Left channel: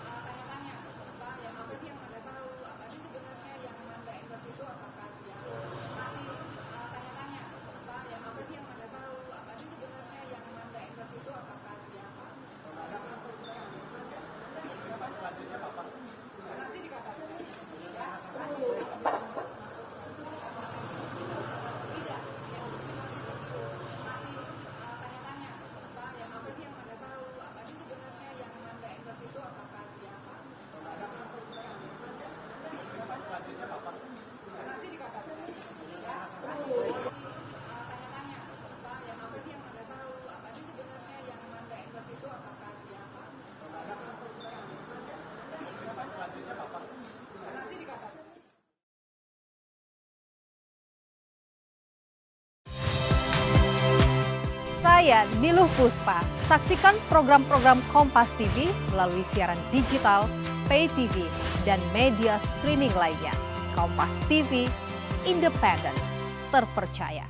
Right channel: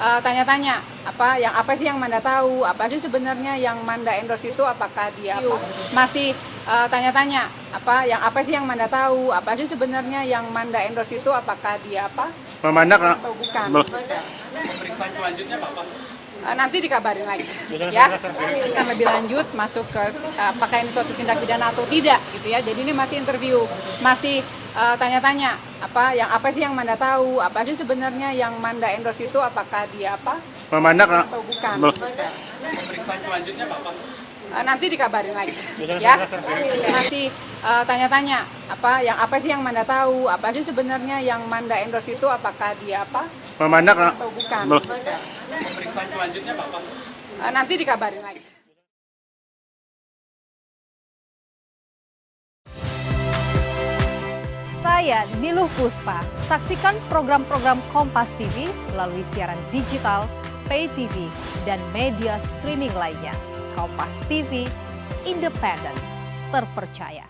tanya-tanya apa sih yang Manda tahu, apa sih sebenarnya yang Manda endorse itu, apakah dia masih tanya-tanya apa sih yang Manda tahu, apa sih sebenarnya yang Manda endorse itu, apakah dia Memandang atau bukan. Pemeriksaan selanjutnya apa? Nanti dikabarin lagi ya, akan lebih lanjut masuk ke apakah ini suatu tindak pidana atau tidak gitu ya. Jadi ini masih interview, masih tanya-tanya apa sih yang Manda tahu, apa sih sebenarnya yang Manda endorse itu, apakah dia memandang atau bukan. Pemeriksaan selanjutnya apa? Nanti dikabarin lagi ya, masih tanya-tanya apa sih yang Manda tahu, apa sih sebenarnya yang Manda endorse itu, apakah dia memandang atau bukan. Pemeriksaan selanjutnya apa? Nanti dikabarin lagi. Saya Niluh Puspa. Saksikan program-program Kompas TV melalui siaran digital, pay TV, dan media streaming lainnya. Kompas TV, independen, terpercaya.